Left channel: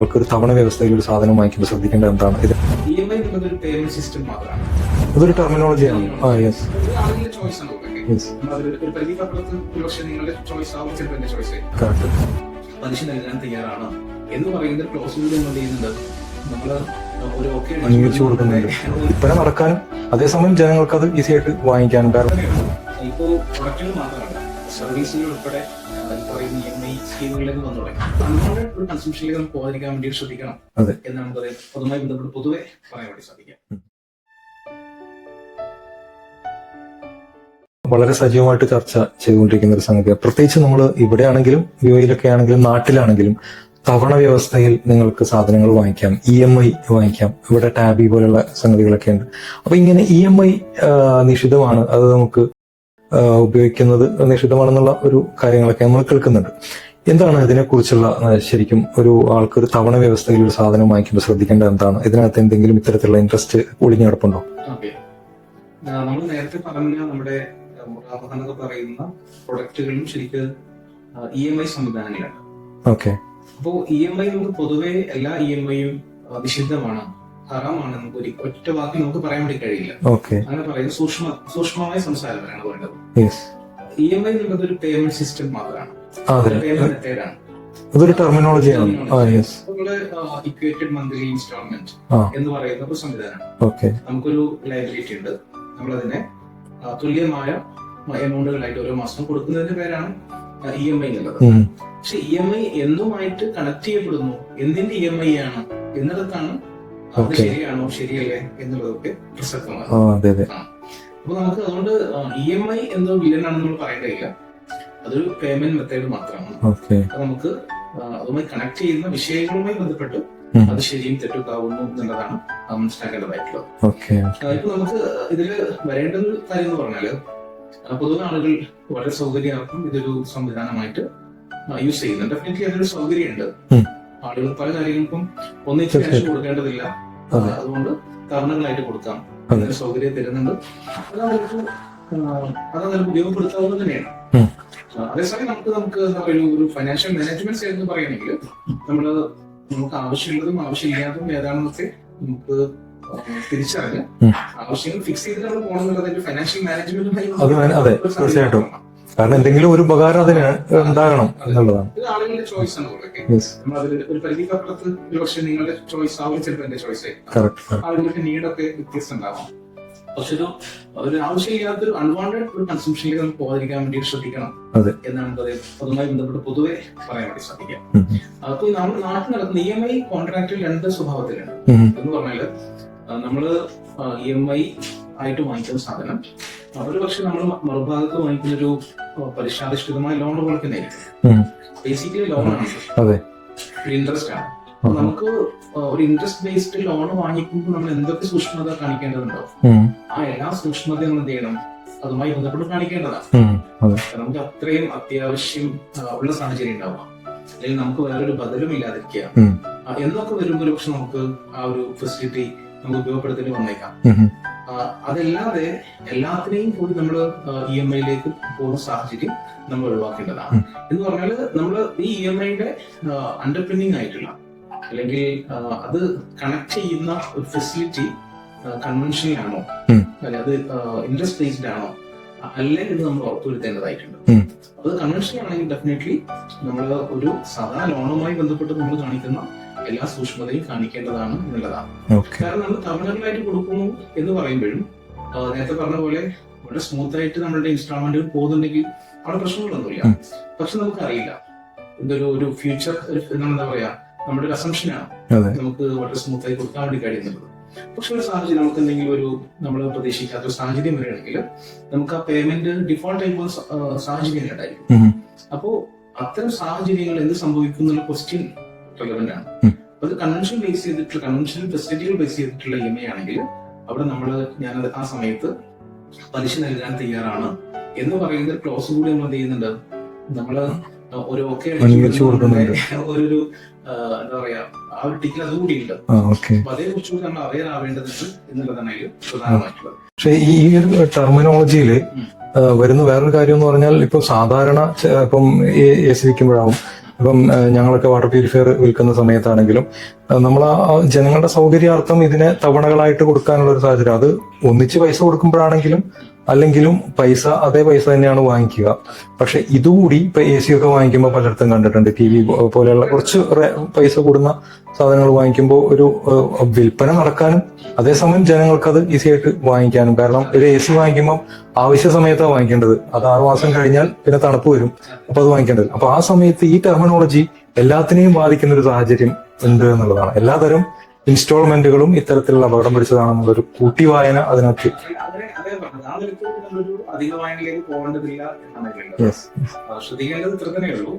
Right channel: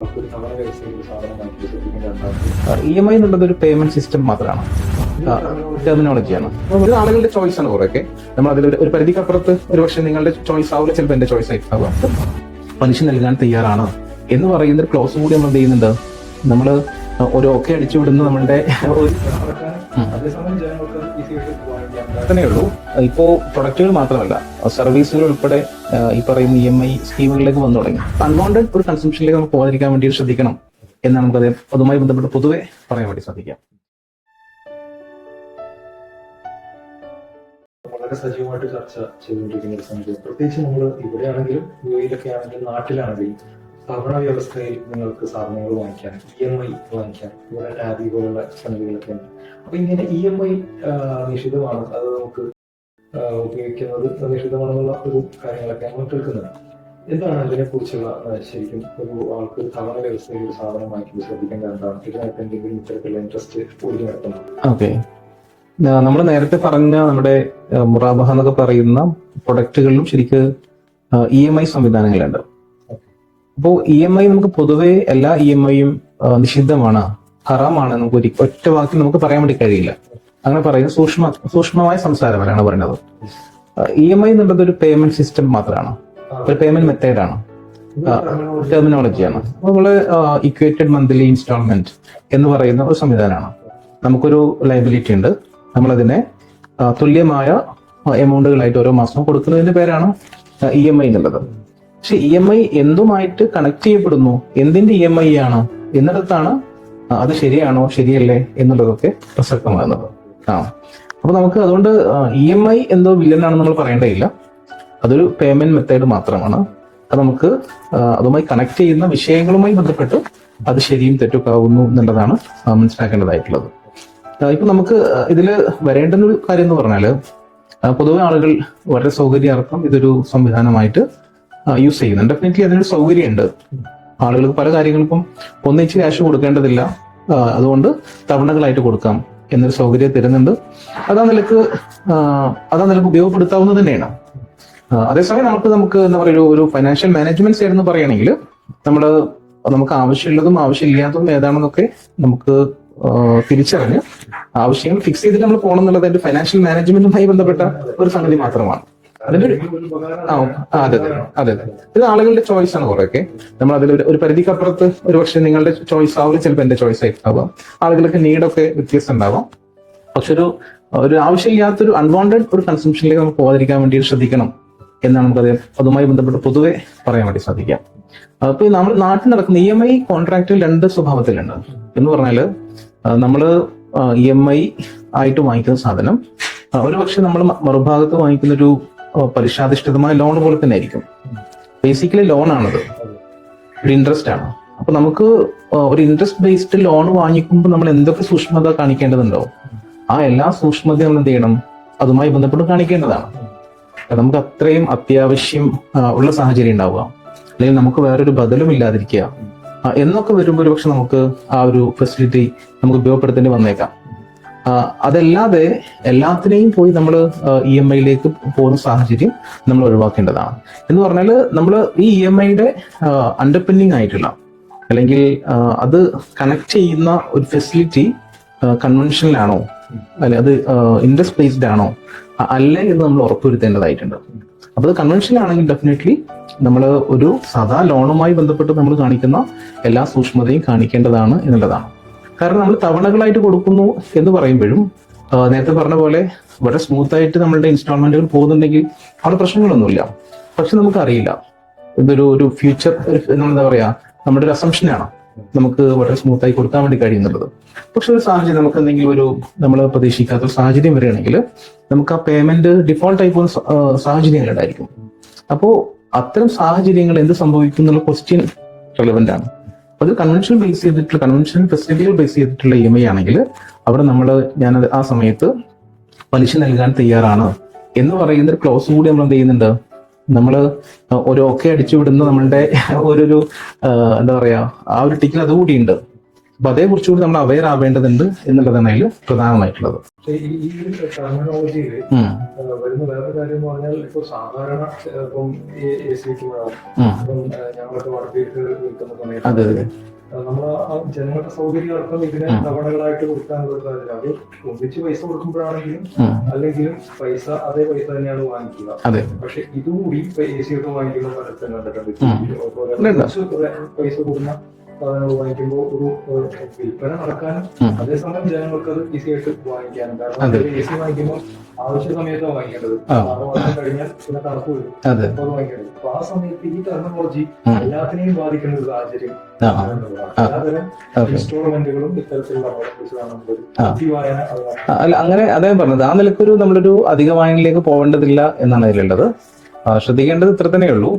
നമുക്ക് ഒരു തവണ വ്യവസ്ഥയിൽ ഒരു സാധനം വാങ്ങിക്കുമ്പോൾ ശ്രദ്ധിക്കേണ്ട എന്താണ്? ഇത് ഇ എം ഐ എന്നുള്ളത് ഒരു പേയ്മെന്റ് സിസ്റ്റം മാത്രമാണ്. ഇതൊരു ടെർമിനോളജി ടെർമിനോളജിയാണ് ഒരു ആളുകളുടെ ചോയ്സ് ആണ് കുറെയൊക്കെ. നമ്മൾ അതിൽ ഒരു പരിധിക്കപ്പുറത്ത് ഒരു പക്ഷേ നിങ്ങളുടെ ചോയ്സ് ആവില്ല ചിലപ്പോൾ എന്റെ ചോയ്സ് ആയിരിക്കും. പലിശ നൽകാൻ തയ്യാറാണ് എന്ന് പറയുന്ന ഒരു ക്ലോസ് കൂടി നമ്മൾ എന്ത് ചെയ്യുന്നുണ്ട് നമ്മൾ ഒരു ഒക്കെ അടിച്ചു വിടുന്ന നമ്മുടെ ഒരു വില നടക്കാനും അതേസമയം ജനങ്ങൾക്ക് അത് ഈസി ആയിട്ട് വാങ്ങിക്കാനും തന്നെ ഉള്ളൂ. ഇപ്പോ പ്രൊഡക്റ്റുകൾ മാത്രമല്ല സർവീസുകൾ ഉൾപ്പെടെ ഈ പറയുന്ന ഇ എം ഐ സ്കീമുകളിലേക്ക് വന്നു തുടങ്ങി. അൺവാണ്ടഡ് ഒരു കൺസംഷനിലേക്ക് നമുക്ക് പോകാതിരിക്കാൻ വേണ്ടി ശ്രദ്ധിക്കണം അതെ. എന്ന് നമുക്കത് അതുമായി ബന്ധപ്പെട്ട് പൊതുവെ പറയാൻ വേണ്ടി സാധിക്കാം വളരെ സജീവമായിട്ട് ചർച്ച ചെയ്തുകൊണ്ടിരിക്കുന്ന ഒരു സംഗതിയാണ്. പ്രത്യേകിച്ച് നമ്മൾ ഇവിടെയാണെങ്കിലും യു എയിലൊക്കെ ആണെങ്കിലും നാട്ടിലാണെങ്കിലും തവണ വ്യവസ്ഥയിൽ നിങ്ങൾക്ക് സാധനങ്ങൾ വാങ്ങിക്കാം ഇ എം ഐ വാങ്ങിക്കാം ഇവിടെ ടാബി പോലുള്ള സംഗതികളൊക്കെ ഉണ്ട്. അപ്പൊ ഇങ്ങനെ ഇ എം ഐ നിഷിദ്ധമാണ്. അത് നമുക്ക് ഉപയോഗിക്കുന്നത് നിഷിദ്ധമാണെന്നുള്ള ഒരു കാര്യങ്ങളൊക്കെ നമ്മൾ കേൾക്കുന്നുണ്ട്. എന്താണ് ഇതിനെക്കുറിച്ചുള്ള കുറിച്ചുള്ള ശരിക്കും ഒരു ആൾക്ക് ഒരു തവണ വ്യവസ്ഥയിൽ ഒരു സാധനം വാങ്ങിക്കുമ്പോൾ ശ്രദ്ധിക്കേണ്ട എന്താണ്? ഇതിനകത്ത് എന്തെങ്കിലും ഇത്തരത്തിലുള്ള ഇൻട്രസ്റ്റ് ഒളിഞ്ഞു കിടപ്പുണ്ടോ? ഓക്കെ. നമ്മൾ നേരത്തെ പറഞ്ഞ നമ്മുടെ മുറാബഹ എന്നൊക്കെ പറയുന്ന പ്രൊഡക്റ്റുകളിലും ശരിക്ക് ഇ എം ഐ സംവിധാനങ്ങളുണ്ട്. ഓക്കെ. അപ്പോൾ ഇ എം ഐ നമുക്ക് പൊതുവെ എല്ലാ ഇ എം ഐയും നിഷിദ്ധമാണ്. ഹറാമാണ്. നമുക്ക് ഒരു ഒറ്റ വാക്കിൽ നമുക്ക് പറയാൻ വേണ്ടി കഴിയില്ല. അങ്ങനെ പറയുന്നത് സൂക്ഷ്മ സൂക്ഷ്മമായ പറയുന്നത്. യെസ് ഇ എം ഐ എന്നുള്ളത് ഒരു പേയ്മെന്റ് സിസ്റ്റം മാത്രമാണ്. ഒരു പേയ്മെന്റ് മെത്തേഡ് ആണ്. ടെർമിനോളജി നമ്മൾ ഇക്വേറ്റഡ് മന്ത്ലി ഇൻസ്റ്റാൾമെന്റ് എന്ന് പറയുന്ന ഒരു സംവിധാനമാണ്. നമുക്കൊരു ലൈബിലിറ്റി ഉണ്ട്. നമ്മളതിനെ തുല്യമായ എമൗണ്ടുകളായിട്ട് ഓരോ മാസം കൊടുക്കുന്നതിന്റെ പേരാണ് ഇ എം ഐ എന്നുള്ളത്. പക്ഷെ ഇ എം ഐ എന്തുമായിട്ട് കണക്ട് ചെയ്യപ്പെടുന്നു? എന്തിന്റെ ഇ എം ഐ ആണ്? എന്നിടത്താണ് അത് ശരിയാണോ ശരിയല്ലേ എന്നുള്ളതൊക്കെ പ്രസക്തമാണ് ആ. അപ്പൊ നമുക്ക് അതുകൊണ്ട് ഇ എം ഐ എന്തോ വില്ലനാണെന്ന് നമ്മൾ പറയേണ്ടതില്ല. അതൊരു പേയ്മെന്റ് മെത്തേഡ് മാത്രമാണ്. അപ്പൊ അത് നമുക്ക് അതുമായി കണക്ട് ചെയ്യുന്ന വിഷയങ്ങളുമായി ബന്ധപ്പെട്ട്. അത് ശരിയും തെറ്റൊക്കെ ആവുന്നു എന്നുള്ളതാണ് മനസ്സിലാക്കേണ്ടതായിട്ടുള്ളത്. ഇപ്പൊ നമുക്ക് ഇതിൽ വരേണ്ട ഒരു കാര്യം എന്ന് പറഞ്ഞാൽ പൊതുവെ ആളുകൾ വളരെ സൗകര്യാർത്ഥം ഇതൊരു സംവിധാനമായിട്ട് യൂസ് ചെയ്യുന്നുണ്ട് ഡെഫിനറ്റ്ലി അതിനൊരു സൗകര്യമുണ്ട്. ആളുകൾക്ക് പല കാര്യങ്ങൾക്കും ഒന്നിച്ച് ക്യാഷ് കൊടുക്കേണ്ടതില്ല. അതുകൊണ്ട് തവണകളായിട്ട് കൊടുക്കാം എന്നൊരു സൗകര്യം തരുന്നുണ്ട്. അതാ നിലയ്ക്ക് അതാ നിലയ്ക്ക് ഉപയോഗപ്പെടുത്താവുന്നത് തന്നെയാണ്. അതേസമയം നമുക്ക് നമുക്ക് എന്താ പറയുക ഒരു- ഫൈനാൻഷ്യൽ മാനേജ്മെന്റ് സൈഡ് എന്ന് പറയുകയാണെങ്കിൽ നമ്മൾ നമുക്ക് ആവശ്യമുള്ളതും ആവശ്യമില്ലാത്തതും ഏതാണെന്നൊക്കെ നമുക്ക് തിരിച്ചറിഞ്ഞ് ആവശ്യങ്ങൾ ഫിക്സ് ചെയ്തിട്ട് നമ്മൾ പോകണം എന്നുള്ളത് ഫൈനാൻഷ്യൽ മാനേജ്മെന്റുമായി ബന്ധപ്പെട്ട ഒരു സംഗതി മാത്രമാണ്. കാരണം എന്തെങ്കിലും ഒരു ഉപകാരം ഇത് ആളുകളുടെ ചോയ്സ് ആണ് കുറെയൊക്കെ. നമ്മൾ അതിൽ ഒരു പരിധിക്കപ്പുറത്ത് ഒരു പക്ഷേ നിങ്ങളുടെ ചോയ്സ് ആവില്ല ചിലപ്പോൾ എന്റെ ചോയ്സ് ആയിരിക്കും. ആളുകൾക്ക് നീഡൊക്കെ വ്യത്യസ്തം ഉണ്ടാവാം. പക്ഷെ ഒരു ഒരു ആവശ്യമില്ലാത്തൊരു അൺവാണ്ടഡ് ഒരു കൺസംഷനിലേക്ക് നമുക്ക് പോകാതിരിക്കാൻ വേണ്ടി ശ്രദ്ധിക്കണം. അതെ. എന്നാണ് നമുക്കത് അതുമായി ബന്ധപ്പെട്ട് പൊതുവെ പറയാൻ വേണ്ടി ശ്രദ്ധിക്കാം. അപ്പൊ നമ്മൾ നാട്ടിൽ നടക്കുന്ന ഇ എം ഐ കോൺട്രാക്റ്റിൽ രണ്ട് സ്വഭാവത്തിലുണ്ട്. എന്ന് പറഞ്ഞാൽ നമ്മൾ നമ്മൾ ഇ എം ഐ ആയിട്ട് വാങ്ങിക്കുന്ന സാധനം ഒരു പക്ഷെ നമ്മൾ മറുഭാഗത്ത് വാങ്ങിക്കുന്ന ഒരു പലിശാധിഷ്ഠിതമായ ലോൺ പോലെ തന്നെ ആയിരിക്കും. ബേസിക്കലി ലോൺ ആണത്. അതെ. ഒരു ഇൻട്രസ്റ്റ് ആണ്. അപ്പൊ നമുക്ക് ഒരു ഇൻട്രസ്റ്റ് ബേസ്ഡ് ലോൺ വാങ്ങിക്കുമ്പോൾ നമ്മൾ എന്തൊക്കെ സൂക്ഷ്മത കാണിക്കേണ്ടതുണ്ടോ? ആ എല്ലാ സൂക്ഷ്മതയും നമ്മൾ എന്ത് ചെയ്യണം? അതുമായി ബന്ധപ്പെട്ട് കാണിക്കേണ്ടതാണ്. നമുക്ക് അത്രയും അത്യാവശ്യം ഉള്ള സാഹചര്യം ഉണ്ടാവുക. അല്ലെങ്കിൽ നമുക്ക് വേറൊരു ബദലും ഇല്ലാതിരിക്കുക. എന്നൊക്കെ വരുമ്പോൾ ഒരുപക്ഷെ നമുക്ക് ആ ഒരു ഫെസിലിറ്റി നമുക്ക് ഉപയോഗപ്പെടുത്തേണ്ടി വന്നേക്കാം. അതല്ലാതെ എല്ലാത്തിനെയും പോയി നമ്മൾ ഇ എം ഐയിലേക്ക് പോകുന്ന സാഹചര്യം നമ്മൾ ഒഴിവാക്കേണ്ടതാണ്. എന്ന് പറഞ്ഞാൽ നമ്മൾ ഈ ഇ എം ഐയുടെ അണ്ടർപിന്നിങ് ആയിട്ടുള്ള അല്ലെങ്കിൽ അത് കണക്ട് ചെയ്യുന്ന ഒരു ഫെസിലിറ്റി കൺവെൻഷനിലാണോ. അല്ലെ അത് ഇൻട്രസ്റ്റ് ബേസ്ഡ് ആണോ? അല്ല എന്ന് നമ്മൾ ഉറപ്പുവരുത്തേണ്ടതായിട്ടുണ്ട്. അപ്പോൾ അപ്പൊ അത് കൺവെൻഷൻ ആണെങ്കിൽ ഡെഫിനറ്റ്ലി നമ്മൾ ഒരു സാധാ ലോണുമായി ബന്ധപ്പെട്ട് നമ്മൾ കാണിക്കുന്ന എല്ലാ സൂക്ഷ്മതയും കാണിക്കേണ്ടതാണ് എന്നുള്ളതാണ്. കാരണം നമ്മൾ തവണകളായിട്ട് കൊടുക്കുന്നു എന്ന് പറയുമ്പോഴും നേരത്തെ പറഞ്ഞ പോലെ വളരെ സ്മൂത്ത് ആയിട്ട് നമ്മളുടെ ഇൻസ്റ്റാൾമെന്റുകൾ പോകുന്നുണ്ടെങ്കിൽ അവിടെ പ്രശ്നങ്ങളൊന്നുമില്ല. പക്ഷെ നമുക്കറിയില്ല. ഇതൊരു ഒരു ഫ്യൂച്ചർ എന്താ പറയാ നമ്മുടെ ഒരു അസംഷനാണ് നമുക്ക് വളരെ സ്മൂത്ത് ആയി കൊടുക്കാൻ വേണ്ടി കഴിയുന്നുള്ളത് പക്ഷെ ഒരു സാഹചര്യം നമുക്ക് എന്തെങ്കിലും ഒരു നമ്മൾ പ്രതീക്ഷിക്കാത്ത ഒരു സാഹചര്യം വരികയാണെങ്കിൽ നമുക്ക് ആ പേയ്മെന്റ് ഡിഫോൾട്ട് ആയി പോകുന്ന സാഹചര്യങ്ങൾ ഉണ്ടായിരിക്കും. ഉം. അപ്പോ അത്തരം സാഹചര്യങ്ങൾ എന്ത് സംഭവിക്കും എന്നുള്ള ക്വസ്റ്റ്യൻ റെലവെന്റ് ആണ്. അത് കൺവെൻഷൻ ബേസ് ചെയ്തിട്ടുള്ള കൺവെൻഷൻ ഫെസിലിറ്റികൾ ബേസ് ചെയ്തിട്ടുള്ള ഇ എം ഐ ആണെങ്കിൽ അവിടെ നമ്മൾ ഞാൻ ആ സമയത്ത് പലിശ നൽകാൻ തയ്യാറാണ് എന്ന് പറയുന്ന ഒരു ക്ലോസ് കൂടി നമ്മൾ എന്ത് ചെയ്യുന്നുണ്ട്? നമ്മൾ ഒരു ഓക്കെ അടിച്ചു വിടുന്ന നമ്മളുടെ ഒരു എന്താ പറയാ ആ ഒരു ടിക്കിൽ അതുകൂടിയുണ്ട് കൂടിയുണ്ട്. അപ്പൊ അതേ കുറിച്ചുകൂടി നമ്മൾ അവയർ ആവേണ്ടതുണ്ട് എന്നുള്ളതാണ് അതിൽ പ്രധാനമായിട്ടുള്ളത്. പക്ഷേ ഈ ഒരു ടെർമിനോളജിയിൽ വരുന്ന വേറൊരു കാര്യം എന്ന് പറഞ്ഞാൽ ഇപ്പൊ സാധാരണ ഇപ്പം എ സി വിൽക്കുമ്പോഴാവും. ഇപ്പം ഞങ്ങളൊക്കെ വാട്ടർ പ്യൂരിഫയർ വിൽക്കുന്ന സമയത്താണെങ്കിലും നമ്മൾ ആ ജനങ്ങളുടെ സൗകര്യാർത്ഥം ഇതിനെ തവണകളായിട്ട് കൊടുക്കാനുള്ള ഒരു സാഹചര്യം. അത് ഒന്നിച്ച് പൈസ കൊടുക്കുമ്പോഴാണെങ്കിലും. അല്ലെങ്കിലും പൈസ അതേ പൈസ തന്നെയാണ് വാങ്ങിക്കുക. അതെ. പക്ഷെ ഇതുകൂടി ഇപ്പൊ എ സി ഒക്കെ വാങ്ങിക്കുമ്പോൾ പലയിടത്തും കണ്ടിട്ടുണ്ട്. ടി വി പോലെയുള്ള കുറച്ച് പൈസ കൂടുന്ന സാധനങ്ങൾ വാങ്ങിക്കുമ്പോൾ ഒരു വിൽപ്പന നടക്കാനും അതേസമയം ജനങ്ങൾക്ക് അത് ഈസി ആയിട്ട് വാങ്ങിക്കാനും. കാരണം ഒരു എ സി വാങ്ങിക്കുമ്പോൾ ആവശ്യ സമയത്താണ് വാങ്ങിക്കേണ്ടത്. ആറു മാസം കഴിഞ്ഞാൽ പിന്നെ തണുപ്പ് വരും. അപ്പൊ അത് വാങ്ങിക്കേണ്ടത്. അപ്പൊ ആ സമയത്ത് ഈ ടെർമിനോളജി എല്ലാത്തിനെയും ബാധിക്കുന്ന ഒരു സാഹചര്യം ഉണ്ട് എന്നുള്ളതാണ്. എല്ലാതരം ഇൻസ്റ്റാൾമെന്റുകളും ഇത്തരത്തിലുള്ള അപകടം പിടിച്ചതാണെന്നുള്ളൊരു കുട്ടി വായന അതിനകത്ത് അല്ല അങ്ങനെ അദ്ദേഹം പറഞ്ഞത് ആ നിലക്കൊരു നമ്മളൊരു അധിക വായനയിലേക്ക് പോകേണ്ടതില്ല എന്നാണ് അതിലുള്ളത്. ശ്രദ്ധിക്കേണ്ടത് ഇത്ര തന്നെയുള്ളൂ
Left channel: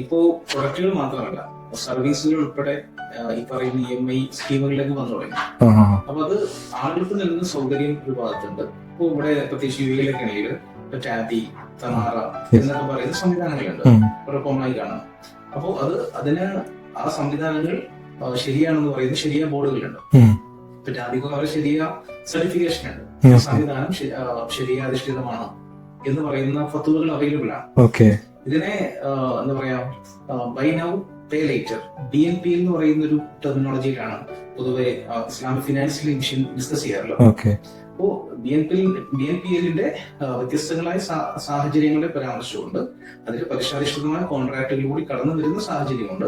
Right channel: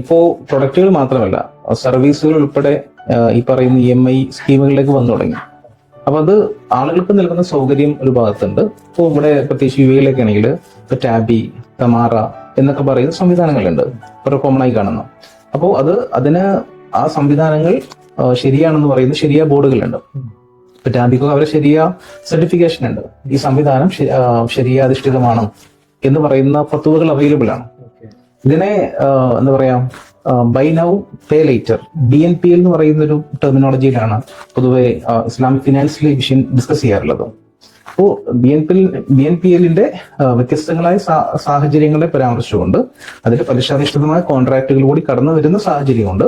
ഇപ്പോ പ്രൊഡക്റ്റുകൾ മാത്രമല്ല സർവീസുകൾ ഉൾപ്പെടെ ഈ പറയുന്ന ഇ എം ഐ സ്കീമുകളിലേക്ക് വന്നു തുടങ്ങി. അപ്പൊ അത് ആളുകൾക്ക് നൽകുന്ന സൗകര്യം ഒരു ഭാഗത്തുണ്ട്. ഇപ്പോൾ ഇവിടെ പ്രത്യേകിച്ച് യു എയിലൊക്കെ ആണെങ്കിൽ ഇപ്പൊ ടാബി തമാറ എന്നൊക്കെ പറയുന്ന സംവിധാനങ്ങളുണ്ട്. ഇപ്പൊ കോമൺ ആയി കാണുന്നു. അപ്പോൾ അത് അതിന് ആ സംവിധാനങ്ങൾ ശരിയാണെന്ന് പറയുന്ന ശരിയായ ബോർഡുകളുണ്ട്. ഇപ്പൊ ടാബിക്കോ അവരെ ശരിയ സർട്ടിഫിക്കേഷൻ ഉണ്ട്. ഈ സംവിധാനം ശരിയാധിഷ്ഠിതമാണ് എന്ന് പറയുന്ന ഫത്തുവകൾ അവൈലബിൾ ആണ്. ഓക്കെ. ഇതിനെ എന്താ പറയാ buy now pay later B N P L എന്ന് പറയുന്ന ഒരു ടെർമിനോളജിയിലാണ് പൊതുവെ ഇസ്ലാമിക് ഫിനാൻഷ്യൽ വിഷയം ഡിസ്കസ് ചെയ്യാറുള്ളത്. അപ്പോ അപ്പോൾ B N P B N P എല്ലിന്റെ വ്യത്യസ്തങ്ങളായ സാഹചര്യങ്ങളെ പരാമർശിച്ചുകൊണ്ട് അതിൽ പലിശാധിഷ്ഠിതമായ കോൺട്രാക്റ്റുകൾ കൂടി കടന്നു വരുന്ന സാഹചര്യമുണ്ട്.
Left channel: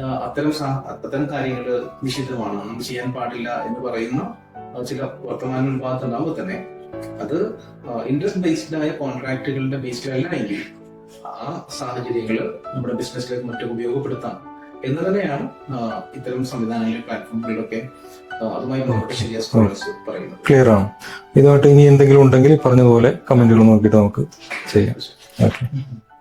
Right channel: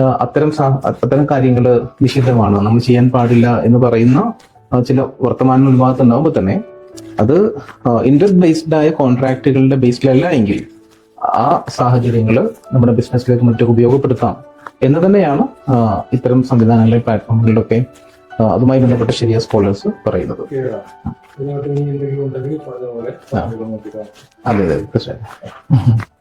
അത്തരം അത്തരം കാര്യങ്ങൾ നിഷിദ്ധമാണ്. നമ്മൾ ചെയ്യാൻ പാടില്ല എന്ന് പറയുന്ന ചില വർത്തമാനങ്ങൾ ഭാഗത്തുണ്ടാകുമ്പോൾ തന്നെ അത് ഇൻട്രസ്റ്റ് ബേസ്ഡ് ആയ കോൺട്രാക്റ്റുകളുടെ ബേസിലല്ല എങ്കിൽ ആ സാഹചര്യങ്ങൾ നമ്മുടെ ബിസിനസ്സിലേക്ക് മറ്റൊക്കെ ഉപയോഗപ്പെടുത്താം എന്ന് തന്നെയാണ് ഇത്തരം സംവിധാനങ്ങളിലെ പ്ലാറ്റ്ഫോമുകളിലൊക്കെ അതുമായി ബന്ധപ്പെട്ട ശരിയായ സ്കോളേഴ്സ് പറയുന്നത്. ക്ലിയർ ആണ്. ഇതുമായിട്ട് ഇനി എന്തെങ്കിലും ഉണ്ടെങ്കിൽ പറഞ്ഞതുപോലെ കമന്റുകൾ നോക്കിയിട്ട് നമുക്ക് അതെ തീർച്ചയായും ഓക്കെ